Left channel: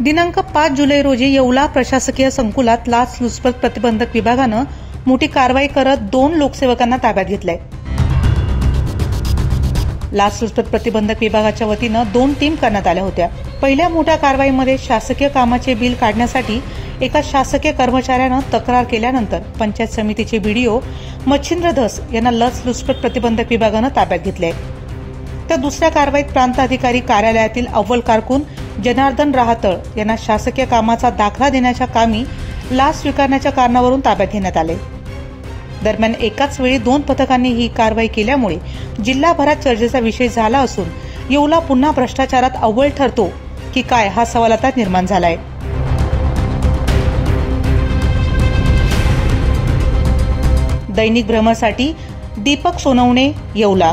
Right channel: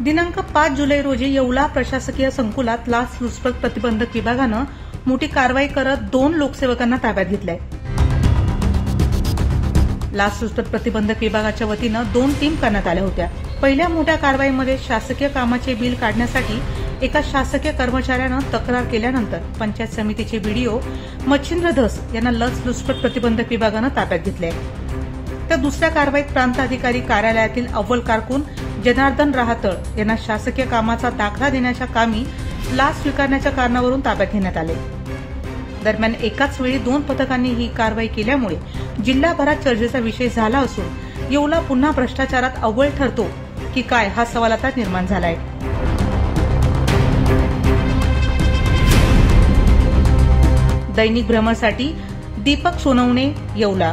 दिनांक 5 जुलै रोजी येवला प्रशासकीय संकुलात लाचलुचपत प्रतिबंधक विभागानं मोठी कारवाई करत 2 लोकसेवकांना ताब्यात घेतलंय. लाचलुचपत प्रतिबंधक विभागाच्या वतीनं 2 टीम करण्यात आल्या होत्या. पहिल्या मोठ्या कारवाईमध्ये शासकीय कामाचे बिल काढण्यासाठी एका शासकीय कर्मचाऱ्यानं तक्रार केल्यानंतर पंचायत समितीचे बीडीओ मच्छिंद्र धस यांना लाचलुचपत प्रतिबंधक विभागानं ताब्यात घेतले. तर दुसऱ्या कारवाईत प्रांत अधिकारी कार्यालयातील अव्वल कारकून जनार्दन राहतळ यांना शासकीय कामाचा दाखला देण्याच्या कामी लाच स्वीकारण्याच्या कारणावरून ताब्यात घेण्यात आले. दरम्यान एकाच वेळी 2 पथकांनी ही कारवाई केल्यामुळे जिल्हाभरात चर्चेचा विषय झाला असून येवला पुन्हा भ्रष्टाचारात अव्वल ठरतो की काय हा सवाल आता निर्माण झालाय. दैनिक भ्रमरसाठी दीपक सोनवणे, येवला.